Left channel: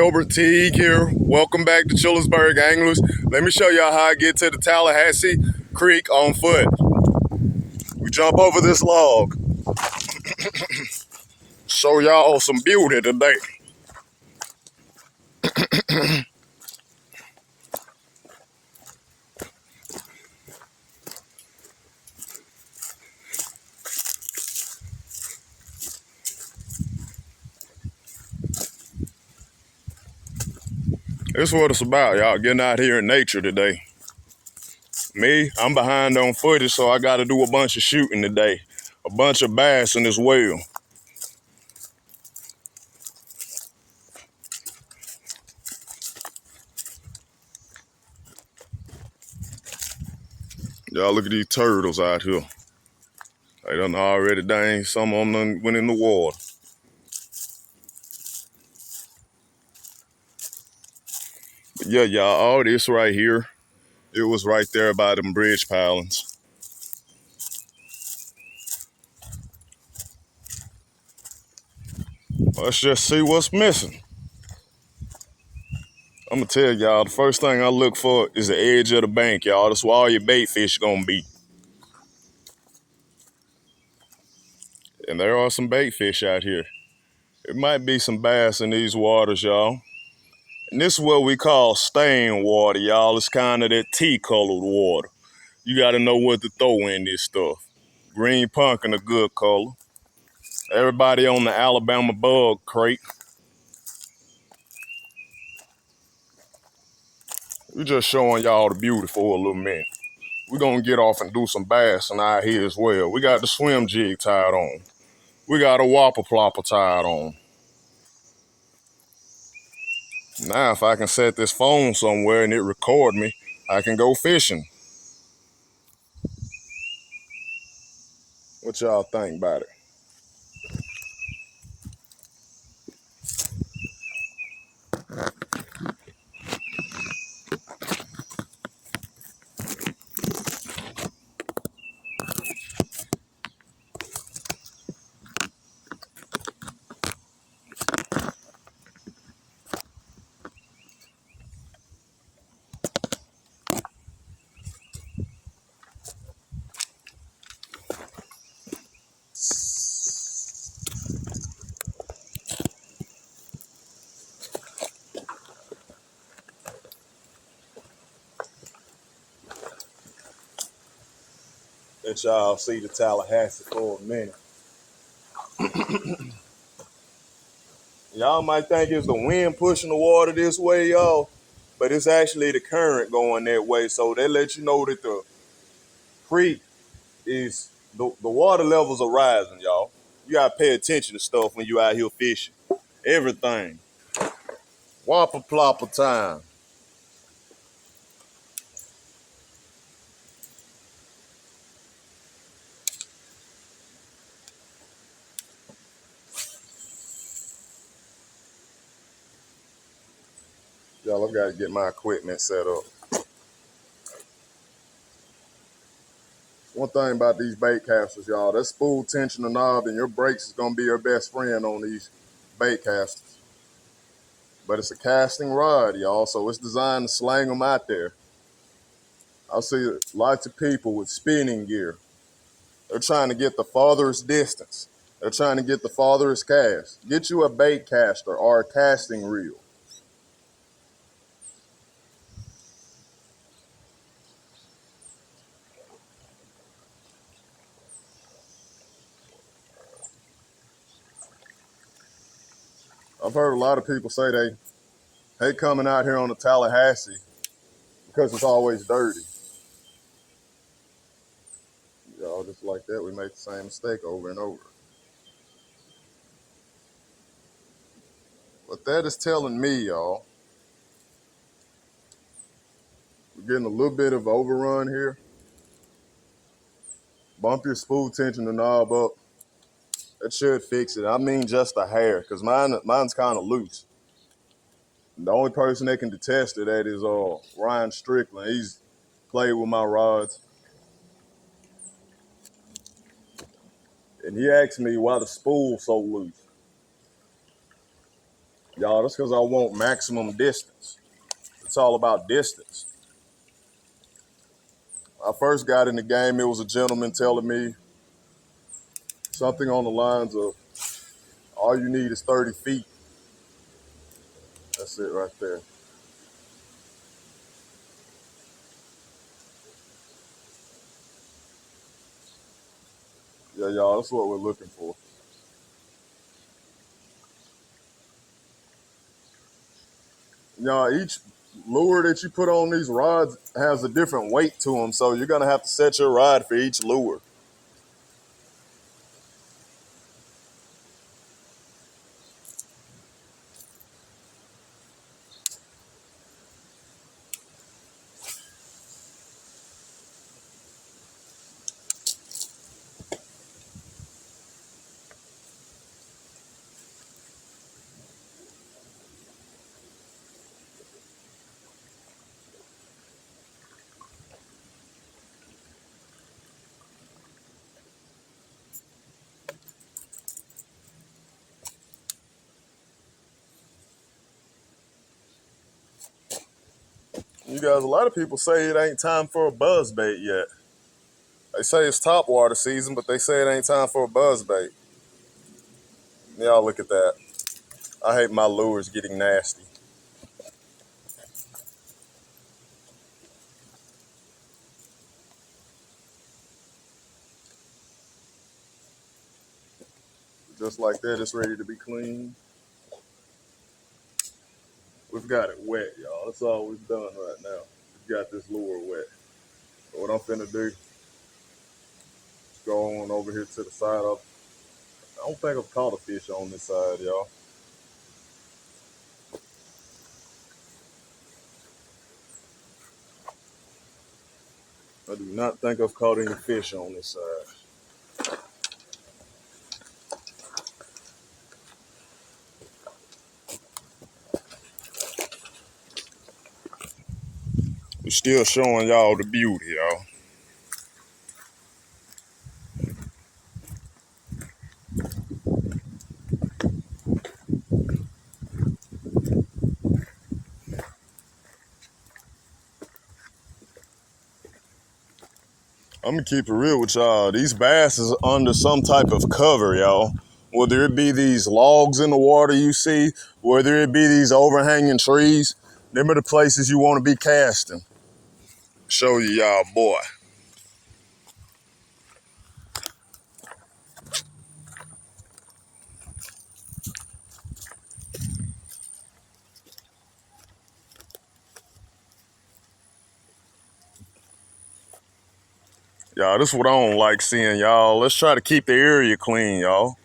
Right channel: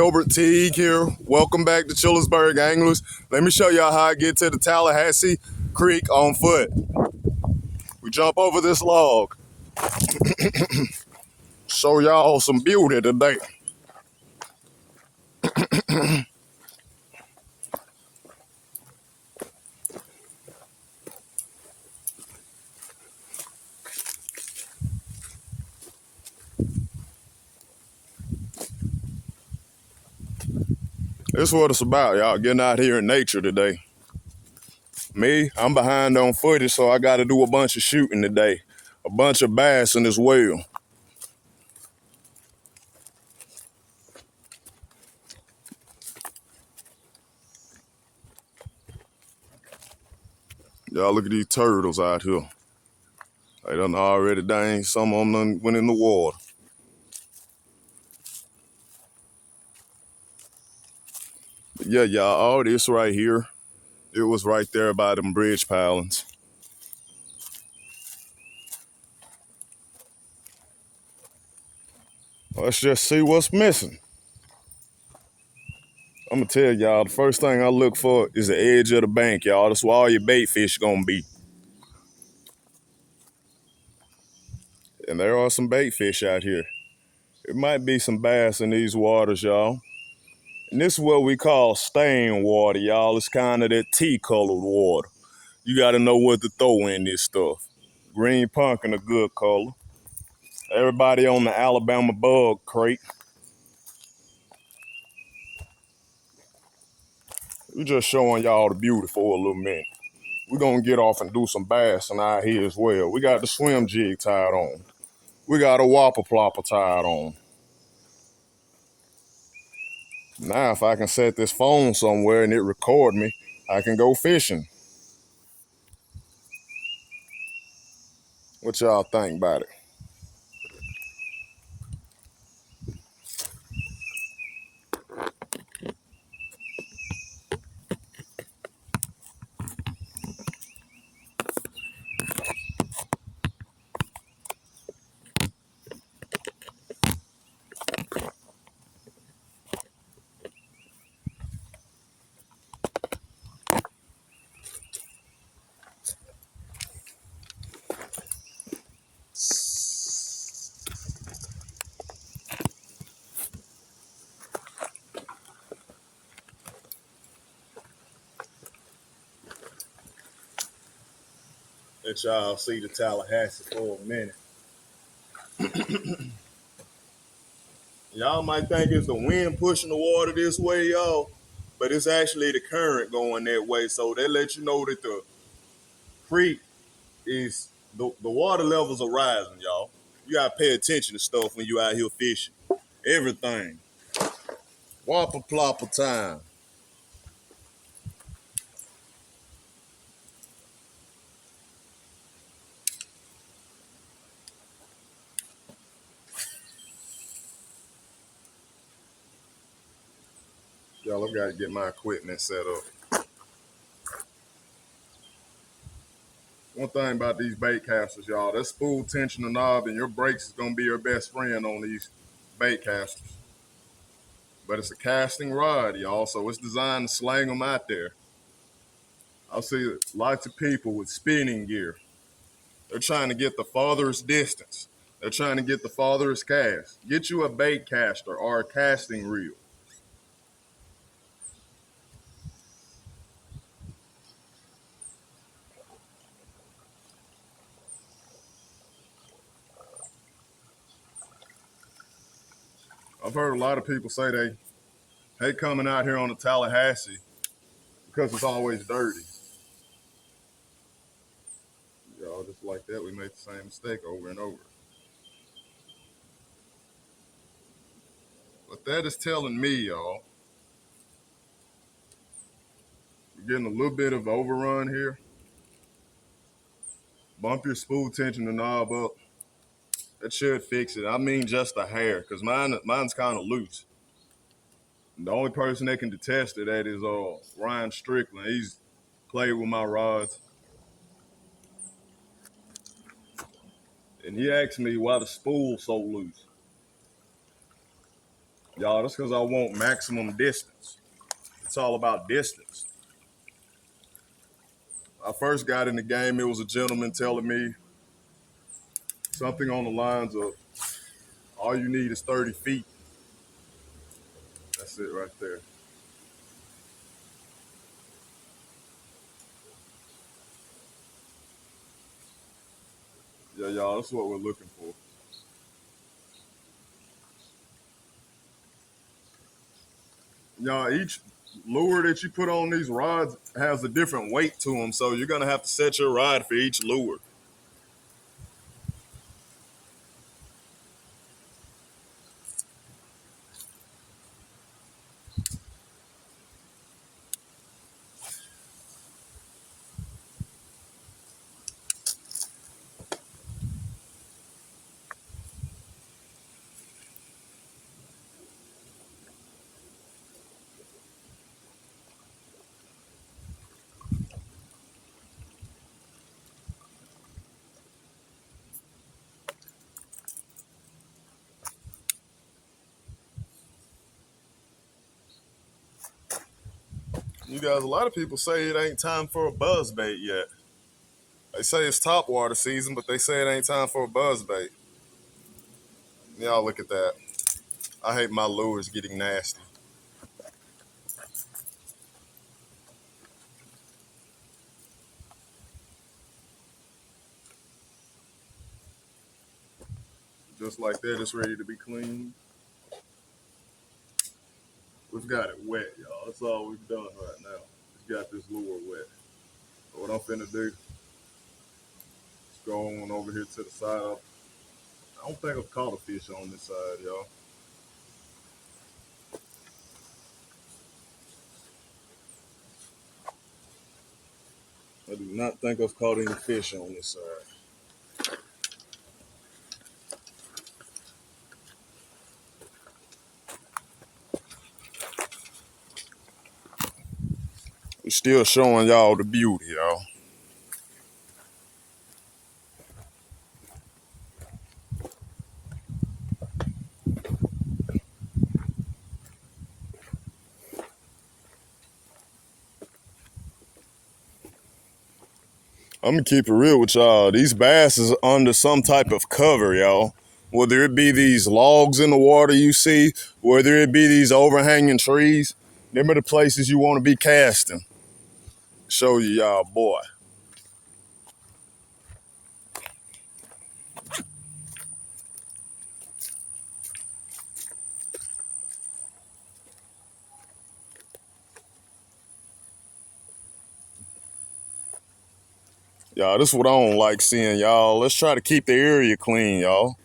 Delbert Teague here. Welcome back to Childersburg Anglers. Let me show y'all how I get to the Tallahassee Creek on foot. We jump over this log. Show y'all some beauty today. This is what it's about, y'all. Getting out here in nature today. Me, I'm behind on footage, so I got to do a bunch of shooting today. A bunch of bassing as well. Y'all look at these turtles out here. They done already dang, some of them done went in the water. But yeah, y'all, all this right here, it was right there by them bridge pilings. Let's just see what's missing. I'm gonna tell y'all, the first thing I look for is the edge of the bank, y'all. That's where all your bait fish gonna be. And there are some bait fish out here. There might be some bass in these waters, y'all. And this is what we call stain water, y'all. It's kind of that tea-colored water. You gotta know what to throw in this stuff. Green pumpkin, a good color. Everybody on the Alabama bug crate. We're just showing y'all the beauty for a little minute. We're gonna get off and do some bassing out here as well. We got the swim jig tied on. We got a whopper plopper tied on. Now, if I can set this phone somewhere and it record me, I can go fishing. What y'all think about it? Let y'all see the Tallahassee for a minute. Y'all might think it's the wind pushing the water this way, y'all, but it's actually the current going that way. So that lets you know that the creek is, the water levels are rising, y'all. You gotta pay attention to stuff when you out here fishing. Everything. Whopper plopper time. Y'all, I've got to get my equipment set up. One thing about these bait casters, y'all, that spool tension the knob and your brakes is going to be your best friend on these bait casters. But it's a casting rod, y'all, so it's designed to slang them out there. I see lots of people with spinning gear. They're trying to get the farthest distance. They're trying to get the farthest cast. Get you a bait caster or a casting reel. I've heard a lot of people say they hate coming out here on the Tallahassee because it's always dirty. Y'all, just like that, we make the same mistake over and over. But that is telling me, y'all, we're getting a little bit of overrun here. Bump your spool tension and knob up. That should fix it. I mean just a hair, because mine's kind of loose. And the only person that can detest it at is Ryan Strickland. He's played with my rods. And he asked me why the spool's so loose. Y'all, that's because I want maximum distance. It's all about distance. I first got in the game, it was a gentleman telling me something on the lines of, all you need is 30 feet. That's it right there. Yeah, y'all, that's what we're looking for. Y'all, each lure that you put on these rods has a different weight to them, so you're gonna have to set your rod for each lure. You guys, a lot of people say it ain't time for a buzz bait yet. They say it's top water season, but they say it ain't time for a buzz bait. Y'all look at that. I hate my lures getting nasty. Just like that, it's ready to be clean. We've got it wet, y'all. That's all we've done right now. We've got this lure wet. So what I'm finna do is go on over here to the side of. I don't think I've caught a fish on this side, y'all. I do not think I've caught any fish on this side. We're still showing y'all the beauty, y'all. I'm gonna keep it real with y'all. These bass is under some type of cover, y'all. Whether it be these logs in the water you see, whether it be these overhanging trees, them are the places you want to be casting. Show you y'all, boy. Y'all, this is what I don't like seeing, y'all. Let's try to keep the area clean, y'all.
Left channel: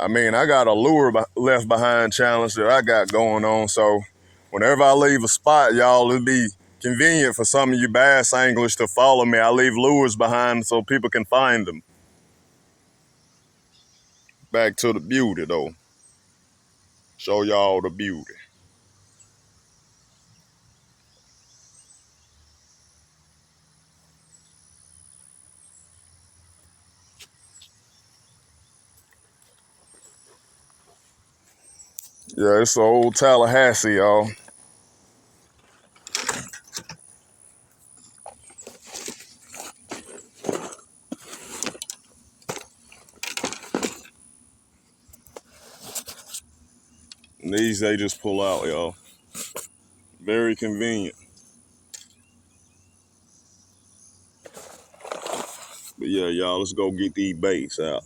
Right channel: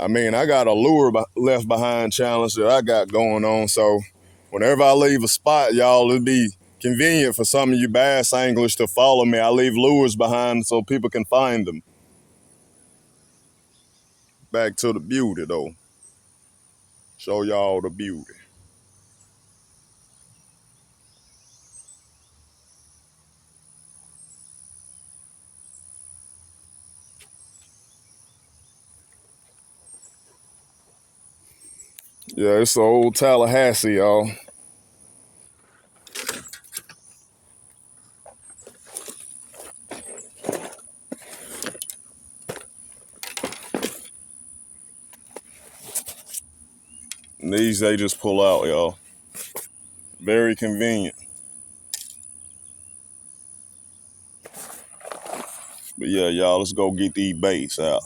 I mean, I got a lure left behind challenge that I got going on, so whenever I leave a spot, y'all, it'll be convenient for some of you bass anglers to follow me. I leave lures behind so people can find them. Back to the beauty, though. Show y'all the beauty. Yeah, it's the old Tallahassee, y'all. And these, they just pull out, y'all. Very convenient. But yeah, y'all, let's go get these baits out.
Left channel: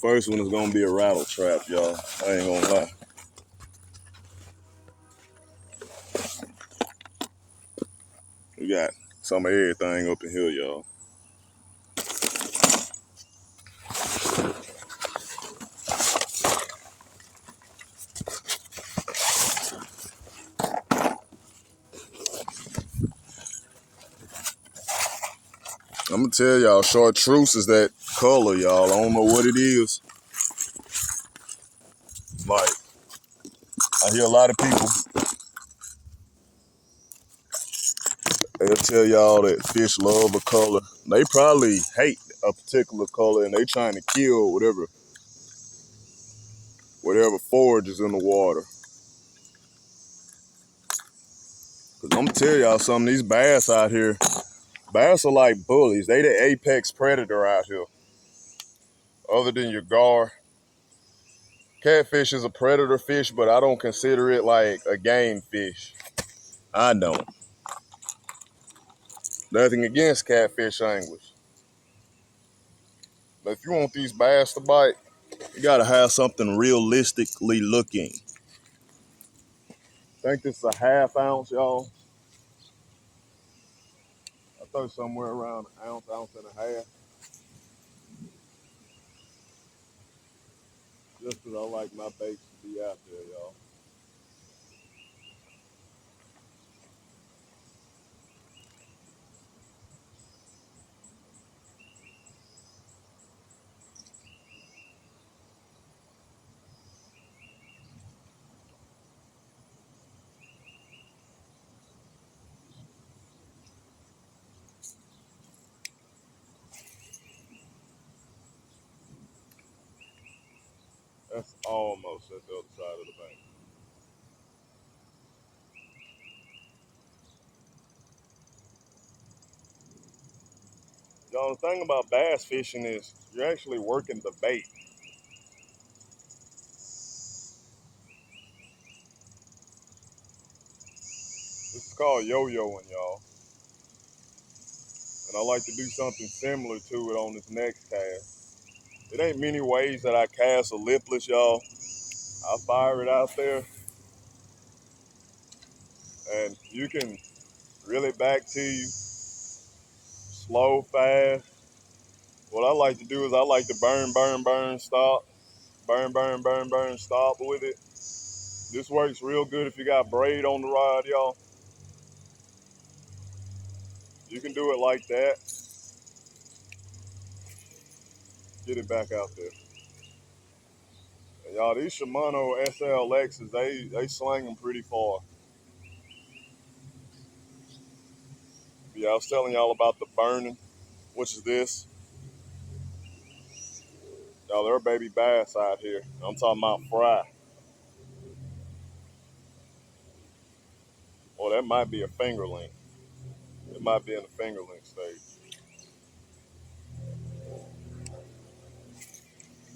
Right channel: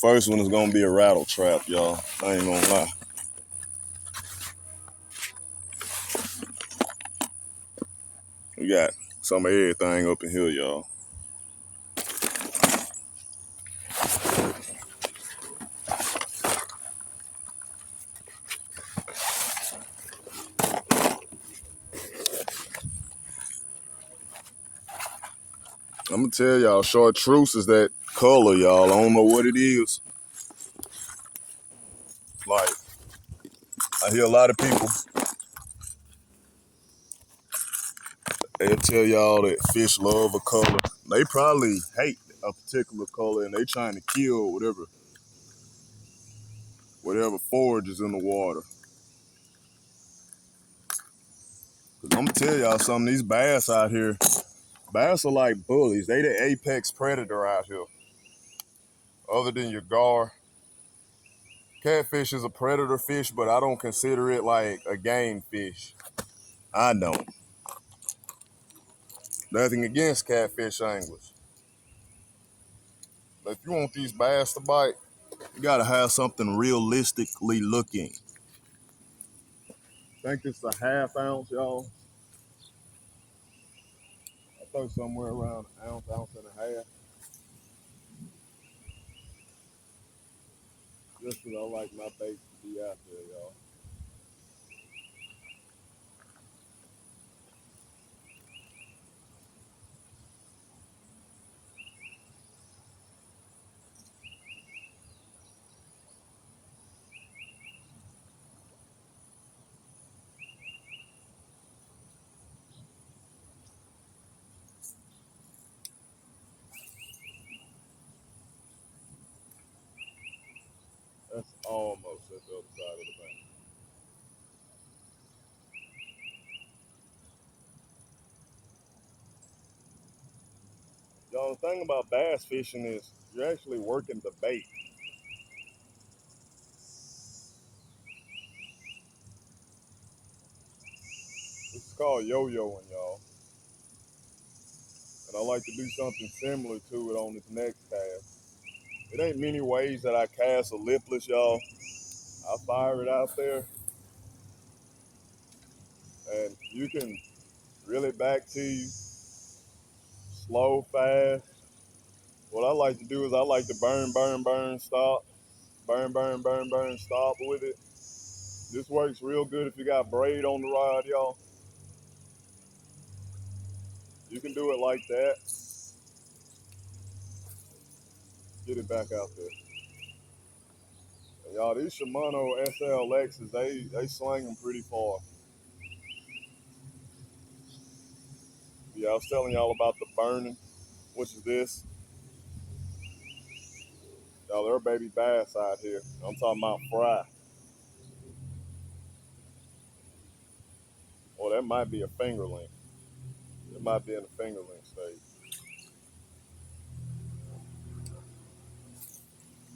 First one is gonna be a rattle trap, y'all. I ain't gonna lie. We got some of everything up in here, y'all. I'm gonna tell y'all, chartreuse is that color, y'all. I don't know what it is. Like, I hear a lot of people They'll tell y'all that fish love a color. They probably hate a particular color and they trying to kill whatever forage is in the water. Cause I'm gonna tell y'all something, these bass out here, bass are like bullies. They the apex predator out here. Other than your gar. Catfish is a predator fish, but I don't consider it like a game fish. I don't. Nothing against catfish anglers. But if you want these bass to bite, you gotta have something realistically looking. I think this is a half ounce, y'all. I thought somewhere around an ounce, ounce and a half. Just because I like my baits to be out there, y'all. That's almost at the other side of the bank. Y'all, the thing about bass fishing is you're actually working the bait. This is called yo-yoing, y'all. And I like to do something similar to it on this next cast. It ain't many ways that I cast a lipless, y'all. I fire it out there, and you can reel it back to you, slow, fast. What I like to do is I like to burn, burn, burn, stop, burn, burn, burn, burn, stop with it. This works real good if you got braid on the rod, y'all. You can do it like that. Get it back out there. And y'all, these Shimano SLXs, they slang them pretty far. Yeah, I was telling y'all about the burning, which is this. Y'all, there are baby bass out here. I'm talking about fry. Well, that might be a fingerling. It might be in the fingerling stage.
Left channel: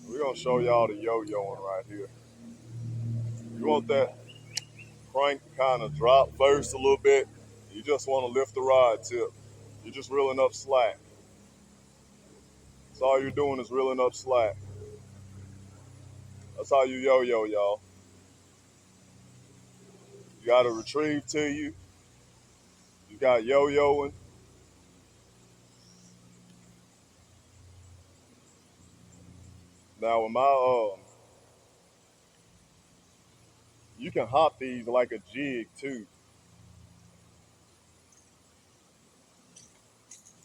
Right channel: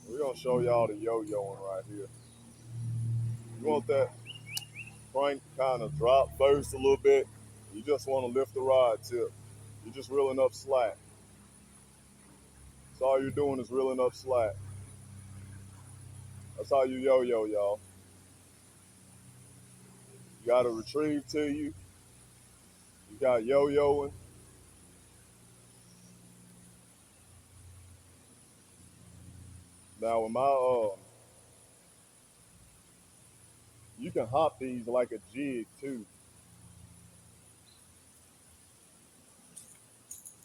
We're gonna show y'all the yo-yoing right here. You want that crank to kind of drop first a little bit. You just want to lift the rod tip. You're just reeling up slack. That's all you're doing is reeling up slack. That's how you yo-yo, y'all. You got to retrieve to you. You got yo-yoing. Now with my you can hop these like a jig too.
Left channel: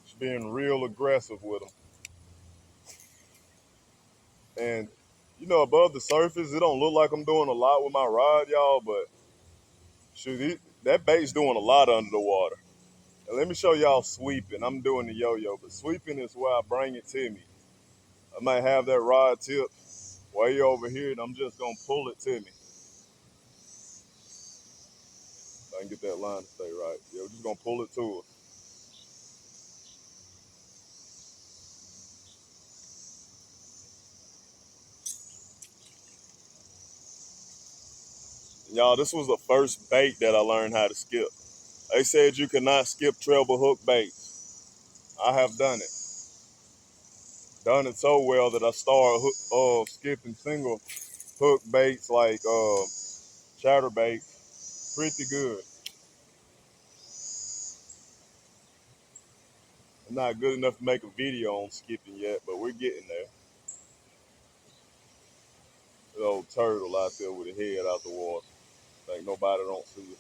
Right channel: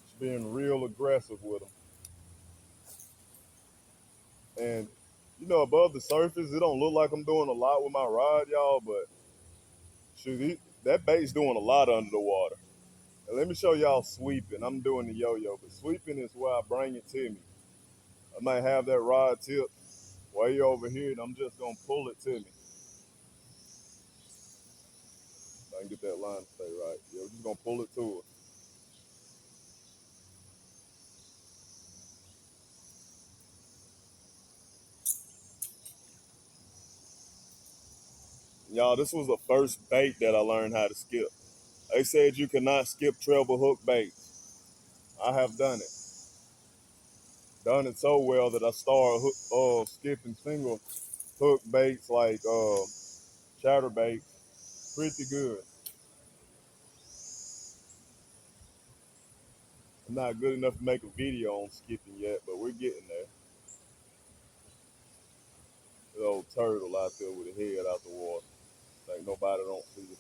Just being real aggressive with them. And you know, above the surface, it don't look like I'm doing a lot with my rod, y'all, but shoot, that bait's doing a lot under the water. And let me show y'all sweeping. I'm doing the yo-yo, but sweeping is where I bring it to me. I might have that rod tip way over here, and I'm just gonna pull it to me. I can get that line to stay right. Yeah, we're just gonna pull it to us. Y'all, this was the first bait that I learned how to skip. They said you cannot skip treble hook baits. I have done it. Done it so well that I started skipping single hook baits like chatter baits. Pretty good. I'm not good enough to make a video on skipping yet, but we're getting there. The old turtle out there with his head out the water. Think nobody don't see it.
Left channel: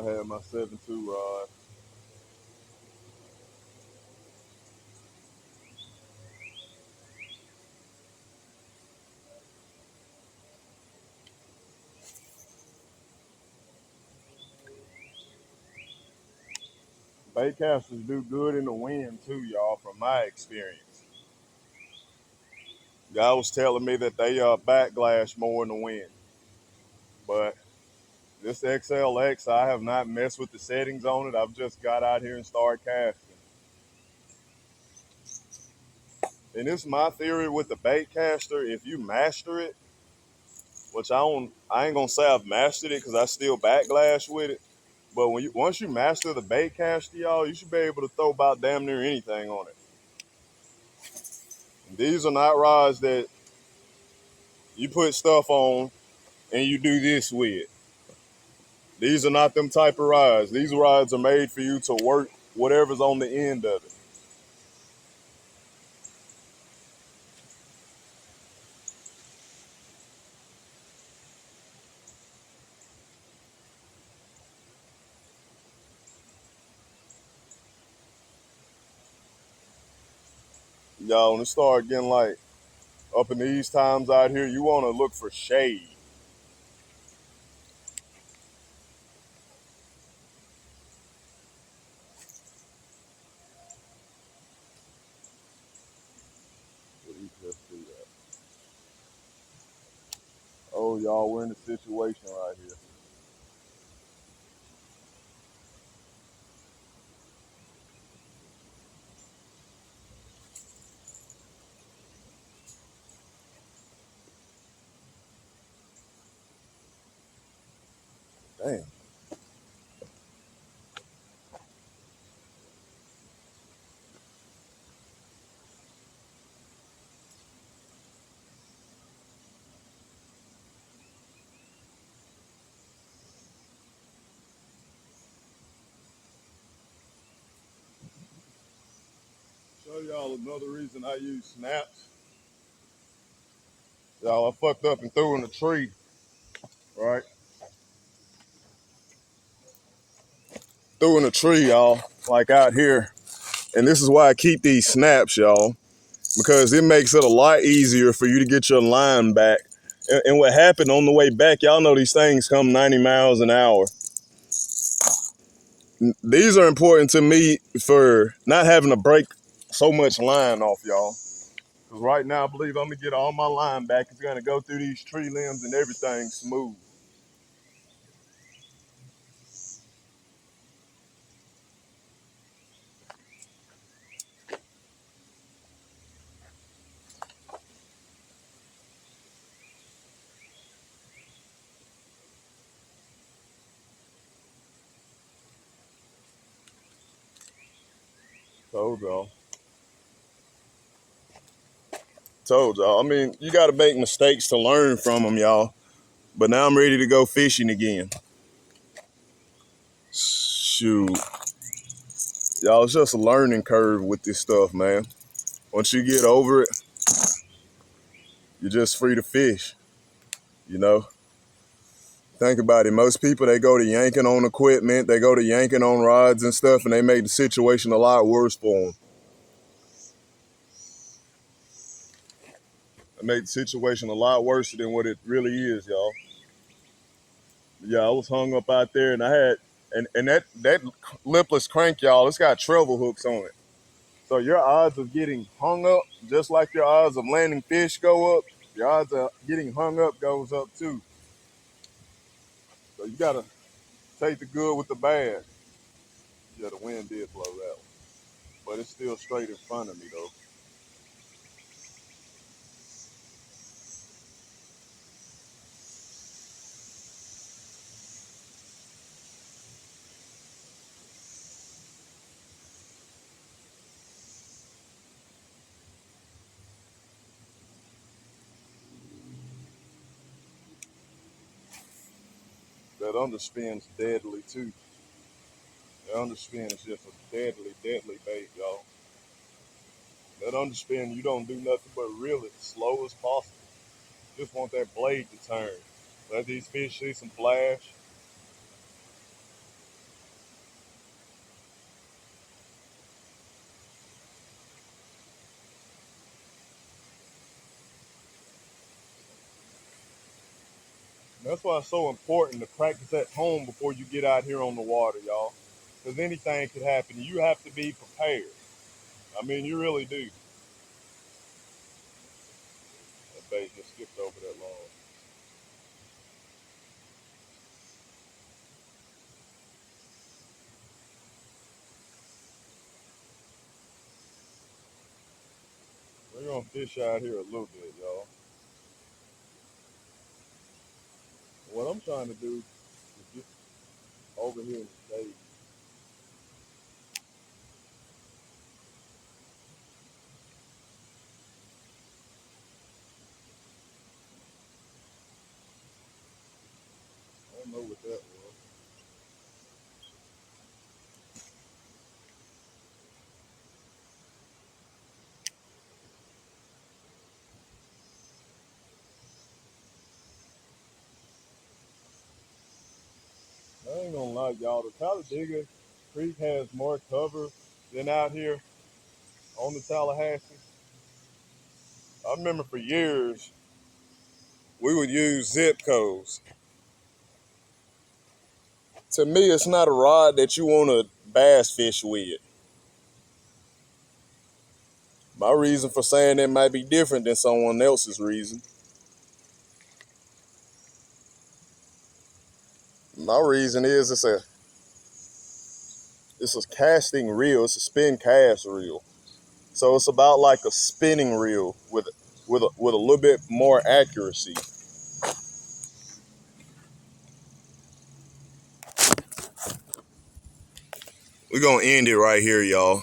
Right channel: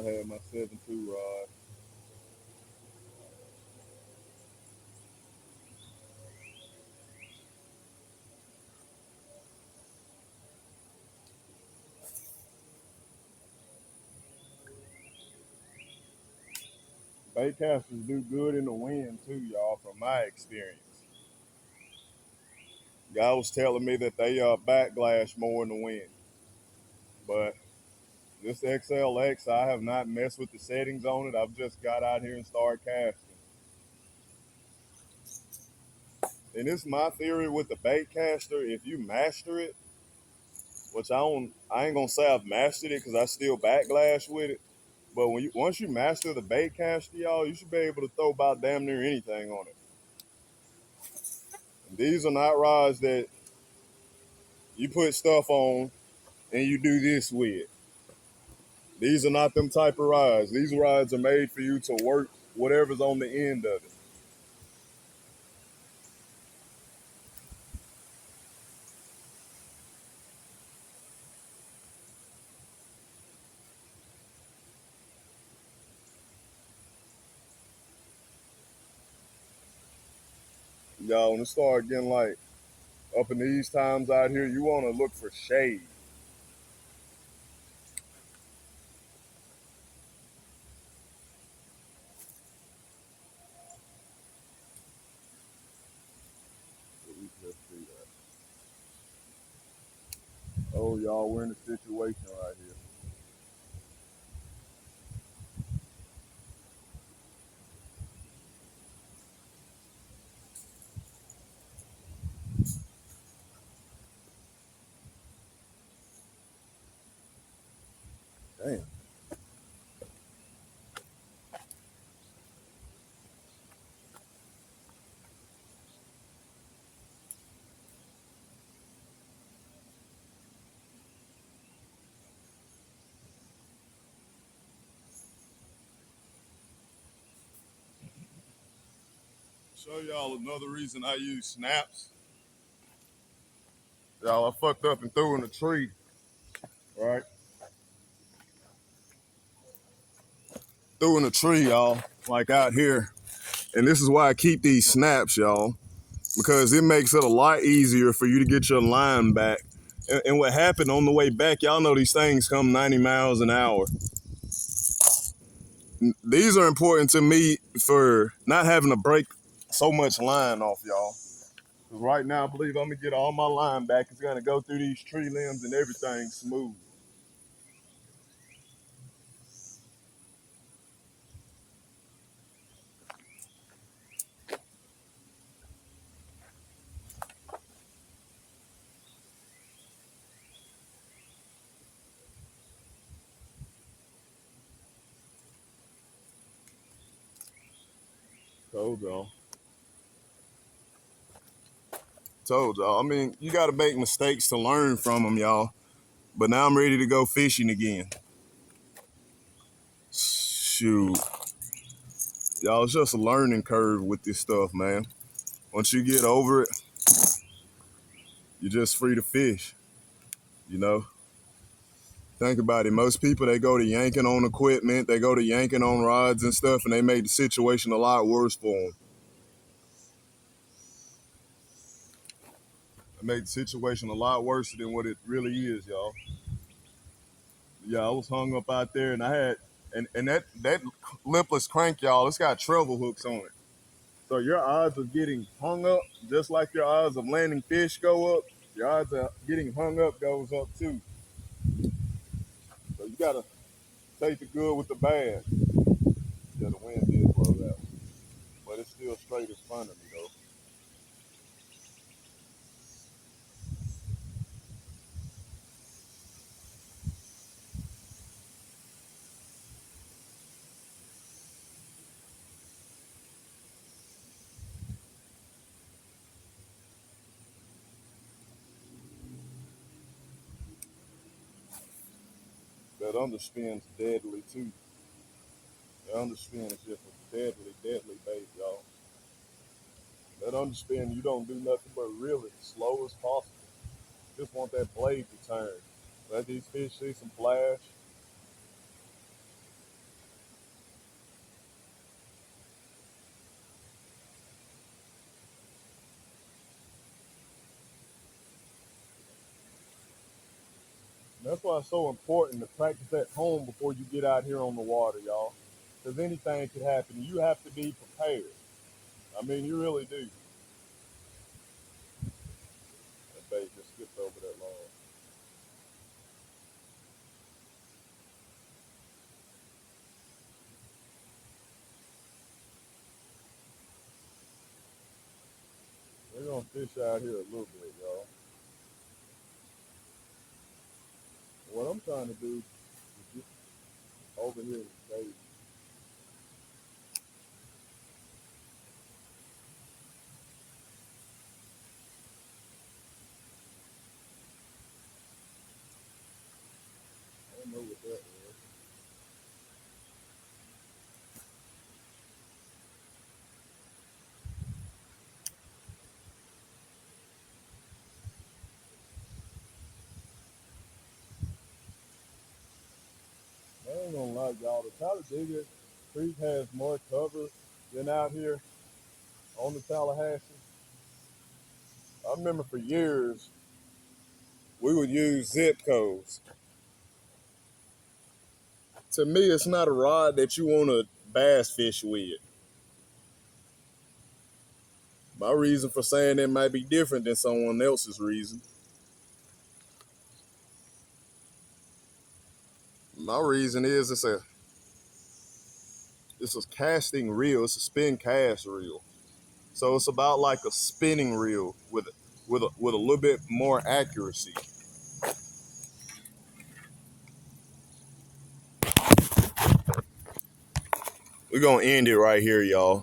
I had my 7.2 rod. Bait casters do good in the wind too, y'all, from my experience. Guy was telling me that they backlash more in the wind. But this XLX, I have not messed with the settings on it. I've just got out here and started casting. And it's my theory with the bait caster, if you master it, which I ain't gonna say I've mastered it because I still backlash with it. But once you master the bait caster, y'all, you should be able to throw about damn near anything on it. These are not rods that you put stuff on and you do this with. These are not them type of rods. These rods are made for you to work whatever's on the end of it. Y'all, when it start getting like up in these times out here, you want to look for shade. Oh, y'all, we're in a situation right here. Damn. Show y'all another reason I use snaps. Y'all, I fucked up and threw in a tree, right? Threw in a tree, y'all, like out here. And this is why I keep these snaps, y'all, because it makes it a lot easier for you to get your line back. And what happened on the way back, y'all know these things come 90 miles an hour. These are important to me for not having to break so much line off, y'all. Because right now, I believe I'm going to get all my line back. It's going to go through these tree limbs and everything smooth. Told y'all. Told y'all. I mean, you got to make mistakes to learn from them, y'all. But now I'm ready to go fishing again. Shoot. Y'all, it's just a learning curve with this stuff, man. Once you get over it, you're just free to fish, you know? Think about it. Most people, they go to yanking on equipment, they go to yanking on rods and stuff, and they make the situation a lot worse for them. They make the situation a lot worse than what it really is, y'all. Yeah, I was hung up out there, and I had, and that lipless crank, y'all, it's got treble hooks on it. So your odds of getting hung up, just like your odds of landing fish go up, your odds of getting hung up goes up too. So you gotta take the good with the bad. Yeah, the wind did blow that one, but it's still straight in front of me though. That underspin's deadly too. That underspin is just a deadly, deadly bait, y'all. That underspin, you don't do nothing but reel it slow as possible. Just want that blade to turn. Let these fish see some flash. That's why it's so important to practice at home before you get out here on the water, y'all. Because anything could happen. You have to be prepared. I mean, you really do. That bait just skipped over that log. We're going to fish out here a little bit, y'all. What I'm trying to do is get over here in the cave. I don't know what that was. I ain't gonna lie, y'all. The Talladega Creek has more cover than out here on the Tallahassee. I remember for years we would use zip codes. To me, it's not a rod that you want to bass fish with. My reason for saying that might be different than someone else's reason. My reason is it's a casting reel. It's a spin cast reel. So it's about like a spinning reel with a little bit more accuracy. We're gonna end it right here, y'all.